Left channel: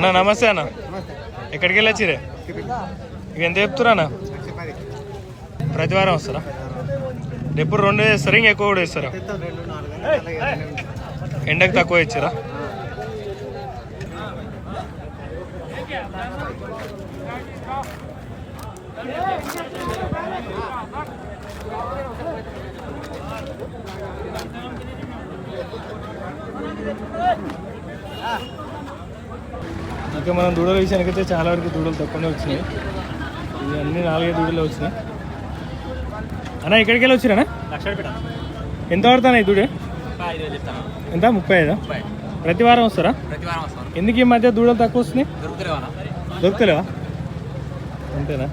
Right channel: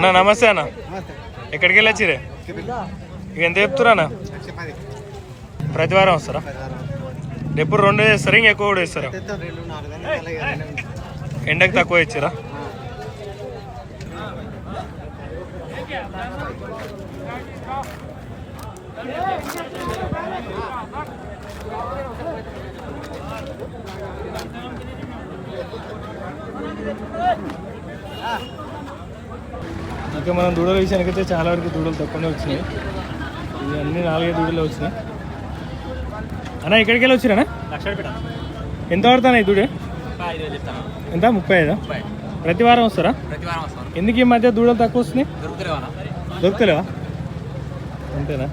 అన్నా నమస్తే అన్న. ఎక్కడికి వెళ్ళి వచ్చిరే? ఇక ఎంత చెప్తురా అన్న? ప్రతి వారం వస్తారా? ఎప్పుడు 2 వేస్తారా? ఇంకా ఎక్కువ కూడా వేస్తారా? ఎండకు తక్కువ ఇచ్చారా? ఇంకా మనం దూడల విషయానికైతే చాలా వరకు దూడలు తక్కువనే వచ్చినాయి. ఇవి అన్నీ 4-5 దూడలు వచ్చినాయి. అన్న ఎక్కడికి వెళ్ళి వచ్చిరా? ఎంత పడుతున్నాయి దూడే? ఎంత? 35. ప్రతి వారం వస్తారా? ఎందుకు ఈ మధ్య దూడలు తక్కువ వస్తున్నాయి? దొరుకుతలేవా? అంతేనా?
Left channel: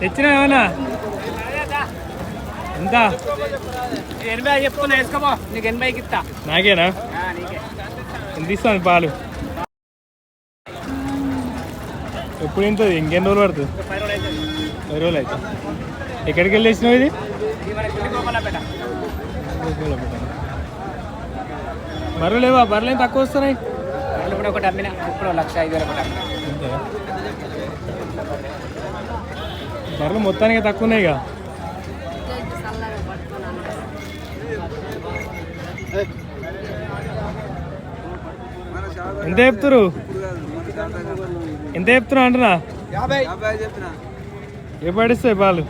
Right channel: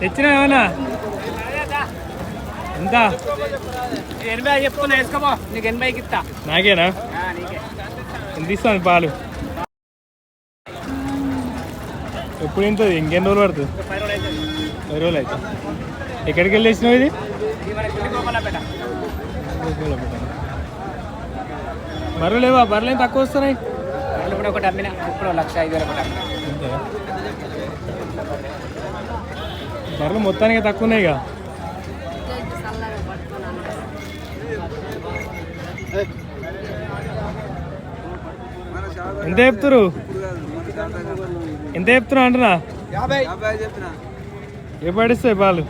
తెచ్చినా ఏమన్నా? ఎంత? 80 చెప్తున్నా, వేసుకోబో. నీకు 80కి ఇస్తా. నాకేనా? ఎంత ఇస్తాను పాలు? ఎప్పుడు ఇంతది? ఇంకెన్ని రోజులు పడుతుంది? 10 రోజులు అయితే. ఎక్కడికి వెళ్ళి వేసినావు ఇది? బర్రెలు లేవా? బర్రెలు తక్కువ వస్తున్నాయి. ఇప్పుడు ఒకటి అమ్మినా, ఇప్పుడు 1,05,000 ఒకటి అమ్మినా. బర్రెలు మొత్తానికి తక్కువ ఉన్నాయి. ఇక ఎంత చెప్తురు? ఎంత చెప్తున్నా అంటున్నా? ఏ పడిస్తాయి పాలు?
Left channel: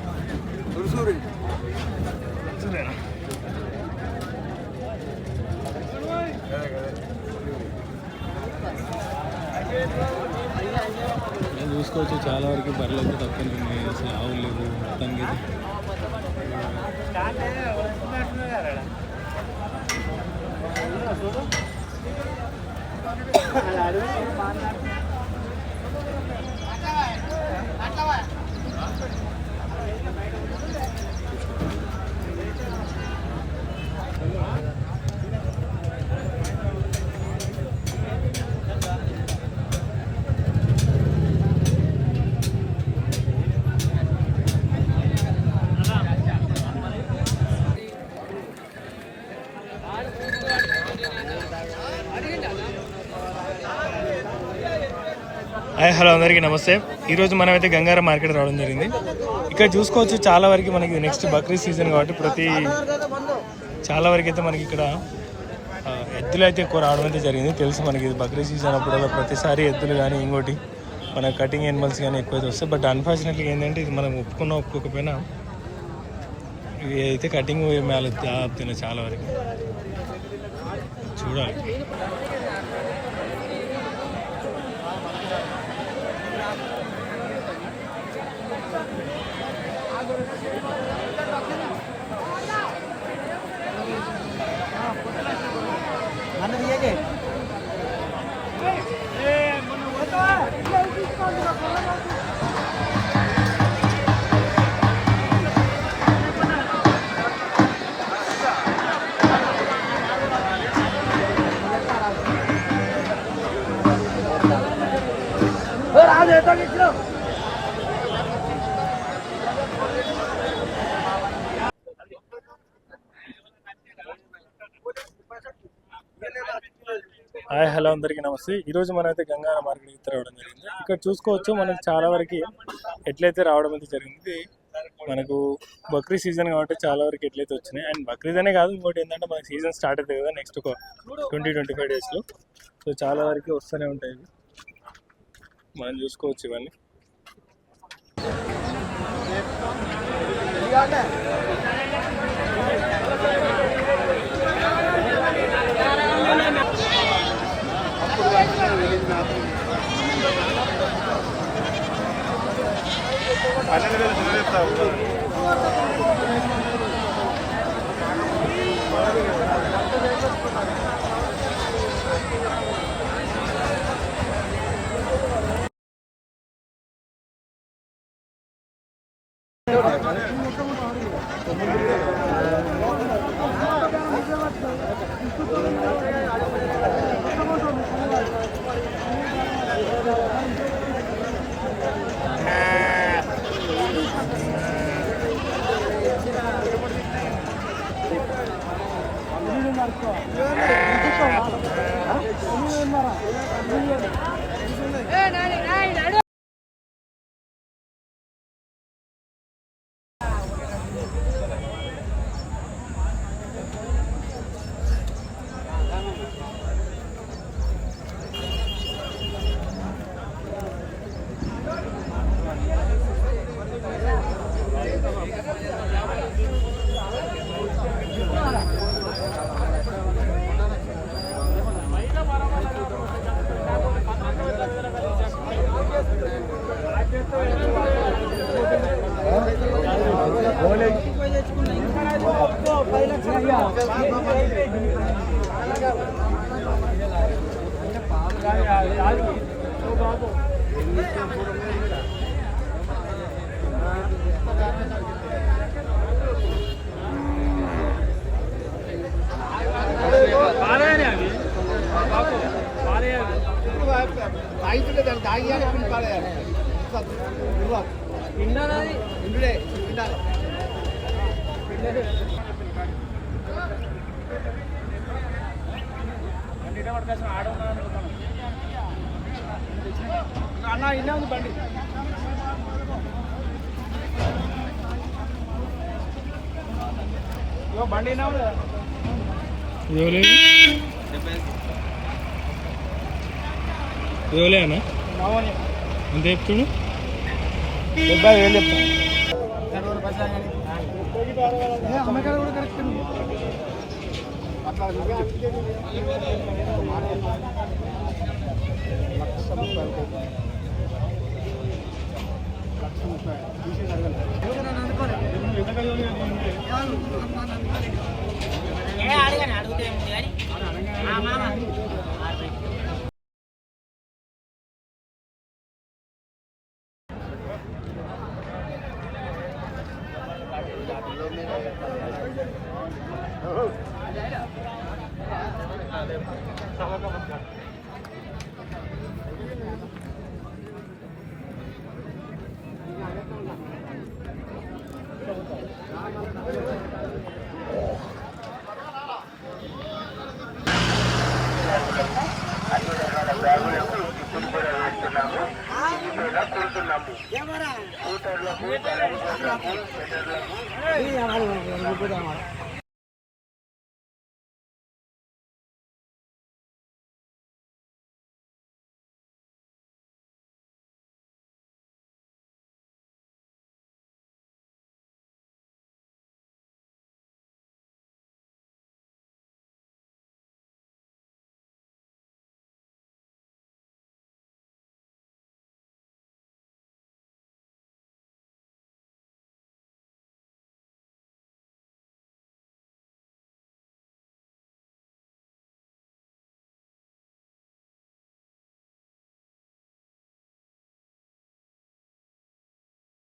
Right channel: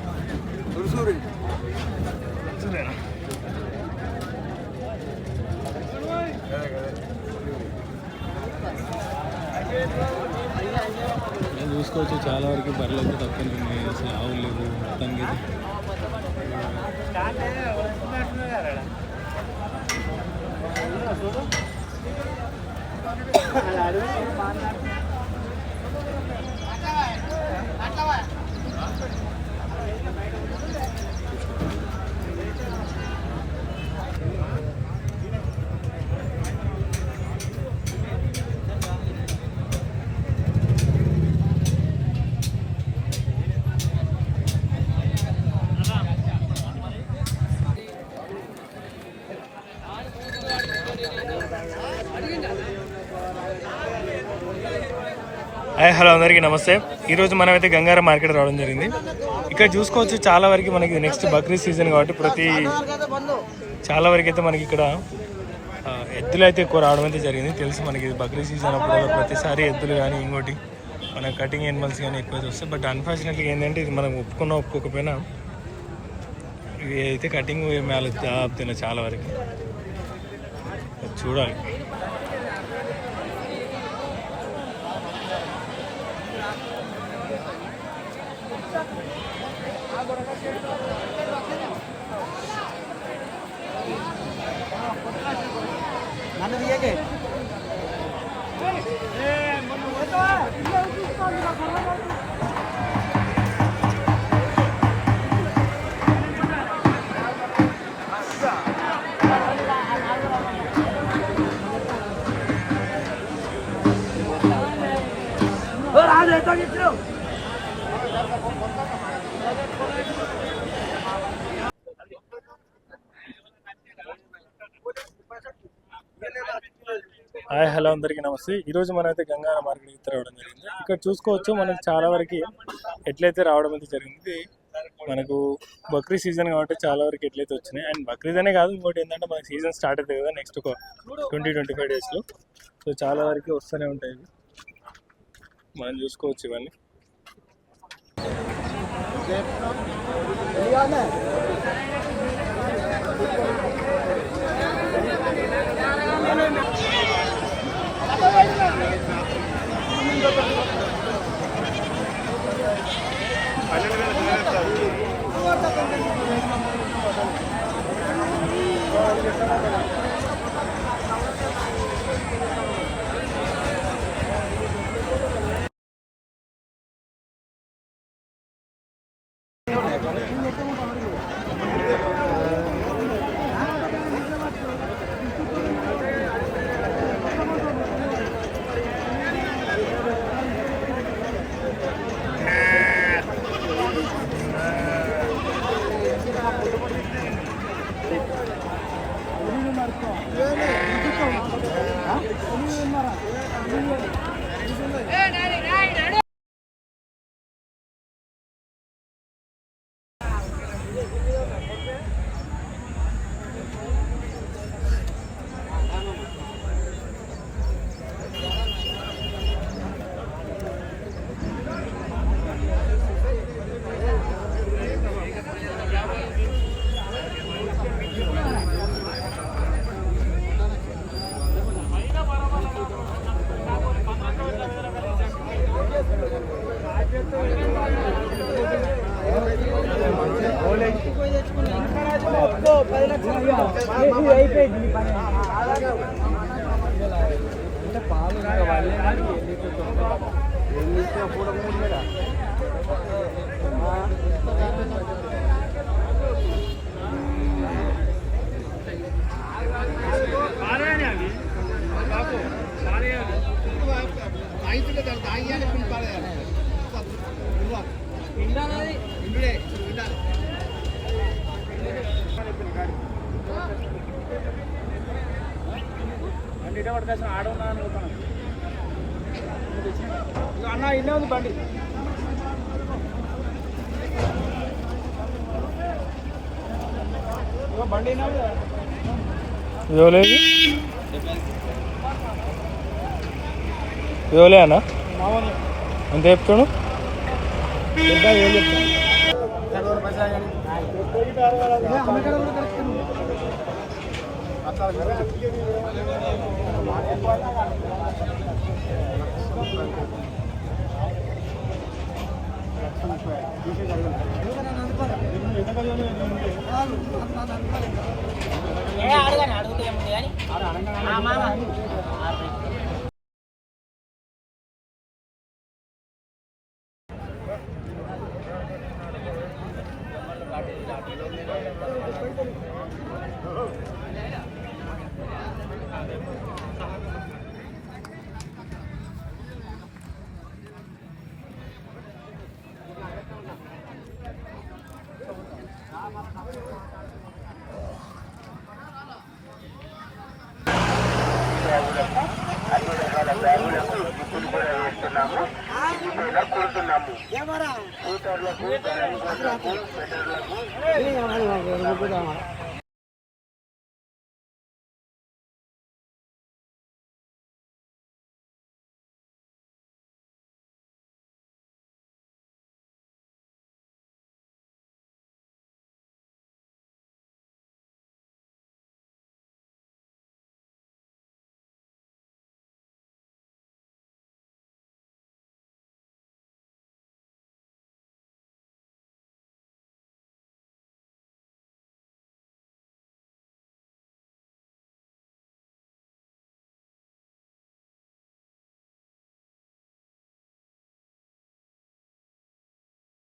చూసుకోవచ్చు చాలా వరకు బర్రెలు అయితే తక్కువ ఉన్నాయి. అసలు ఆవులు లేవు మొత్తానికి. హాయ్ హలో అందరికీ నమస్తే. ఈరోజు మనమైతే గంగారం మార్కెట్ రావడం జరిగింది. ఇక్కడ చూసుకోవచ్చు చాలా వరకు మనకి నెక్స్ట్ బక్రీద్ సీజన్ కాబట్టి చాలా వరకు అయితే మనకి ఇక్కడ ఎద్దులు అయితే ఎక్కువ రావడం అయితే జరిగింది. తెలుసు మనకి ఇది బక్రీద్ సీజన్ అప్పుడు ప్రతిసారి ఎద్దులు కానీ ఇంకోటి మన కటింగ్ యానిమల్స్ కానీ ఎక్కువైతే వస్తాయి. బట్ అన్ఫార్చునేట్లీ ఏంటంటే ఇది మనం ఒప్పుకోకపోయినా ఇది అయితే కటింగ్ మేళ ఆపుతున్నాయి చాలా వరకు. చూడాలి. హాయ్ హలో అందరికీ నమస్తే. ఈరోజు మనమైతే గంగారం మార్కెట్కి రావడం జరిగింది. ఇక్కడ చూసుకోవచ్చు మనకు చాలా వరకు ఎట్లయితే రావడం అయితే జరిగింది. మనకు బక్రీద్ సీజన్ కాబట్టి చాలా వరకు ఎట్లయితే వచ్చినాయి. అండ్ బక్రీద్ అనే కాదు, ఇంకోటి ఏంటంటే మనకి సీజన్ స్టార్ట్ అవుతుంది కదా నెక్స్ట్ ఒక 20-25 డేస్లో. సో చాలా వరకు వస్తూనే ఉంటాయి. మనం చూసుకోవచ్చు ఇవన్నీ. అన్న ఇల్లే ఉంది బండి బండి ఇవ్వలే అన్న ఎంత చెప్తాడు? ఏం చెప్తాడు? Ya, para.